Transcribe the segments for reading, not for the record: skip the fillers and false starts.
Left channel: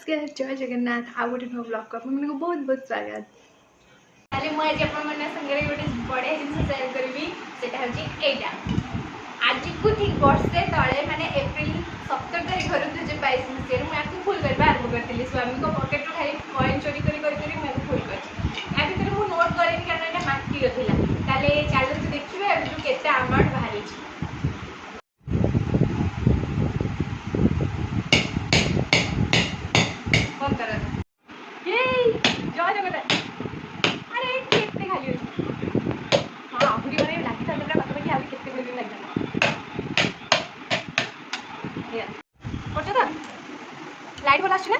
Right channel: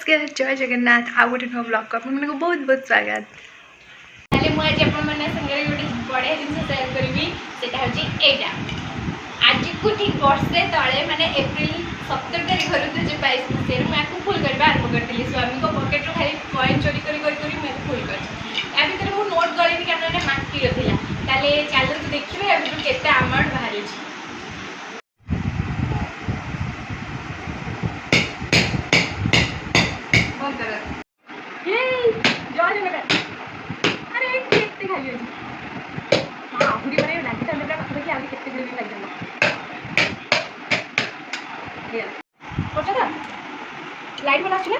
नमस्कार जय जगन्नाथ आउ गोटे नुआ ब्लॉग को आपको बहुत बहुत स्वागत। मुझे गोटे बढ़िया जिन सेयार करी से आज को ठीक वर्षे तले माने एप्रिल 17 तारीख घर 2022 मसीह मुझे फुल करवा आरंभ करी स्वामी को पकेट रू खाली कॉइन चोरी करी मुझे फुल कर भितर मुझे नोट करेनि कारण ये माटीर था चलते देखिए केते अमाउंट बाहर लाइट वाला आसुना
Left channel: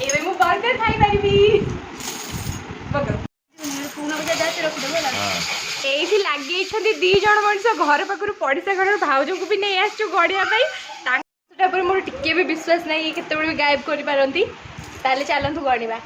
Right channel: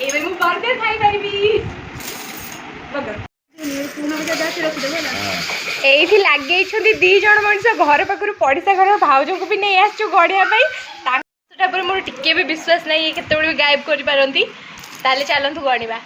एबे मु बर्गर खाई परिबी एठी लागे छथि दी जण मनुष्य घर पाखरु पड़िसा घर भाउज को भी नहीं आछु गड़िया पई तांटा पर मोर टिके भी विश्वास नहीं केते बळे गायब करि पारंती ताले चलंतु गणिबा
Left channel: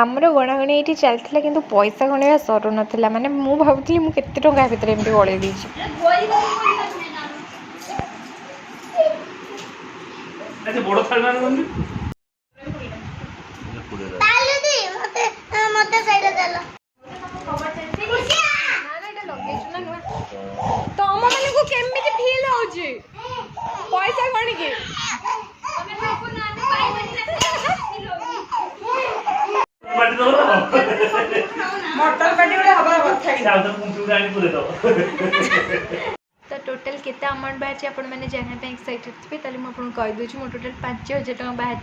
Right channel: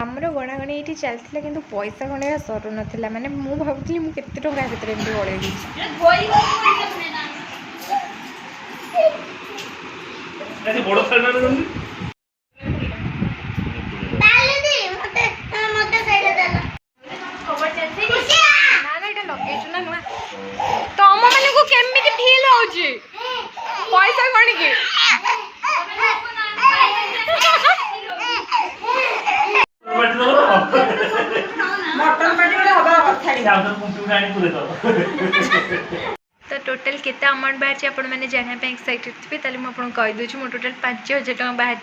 आमर गणागणी ये चलता कि पैसा गणवा सरू नाला माने मु भावुली मुझे टंका भितर एमती गड़े तुम मान को केमी फील हो पैसा गणी तो टोटल केते अमाउंट बाहर आपण मैंने जाना एक्साइटेड थे ताले मुझे कहीदे मो टोटल 5000 टका बाहर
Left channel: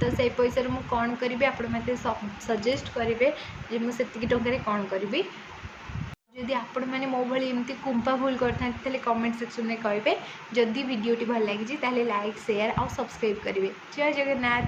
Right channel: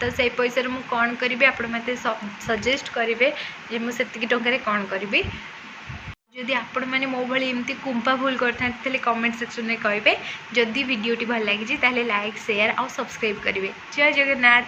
तो से पैसा मुझे कौन करी आपण मत सजेस्ट करेंगे जे मुझे टकर कौन करी जदि आपण मैंने मो भाई एमती कुंपा भूल करते कमेंट सेक्शन में कहे जदि वीडियोटी भल लगी लाइक शेयर और सब्सक्राइब करेंगे। जय जगन्नाथ।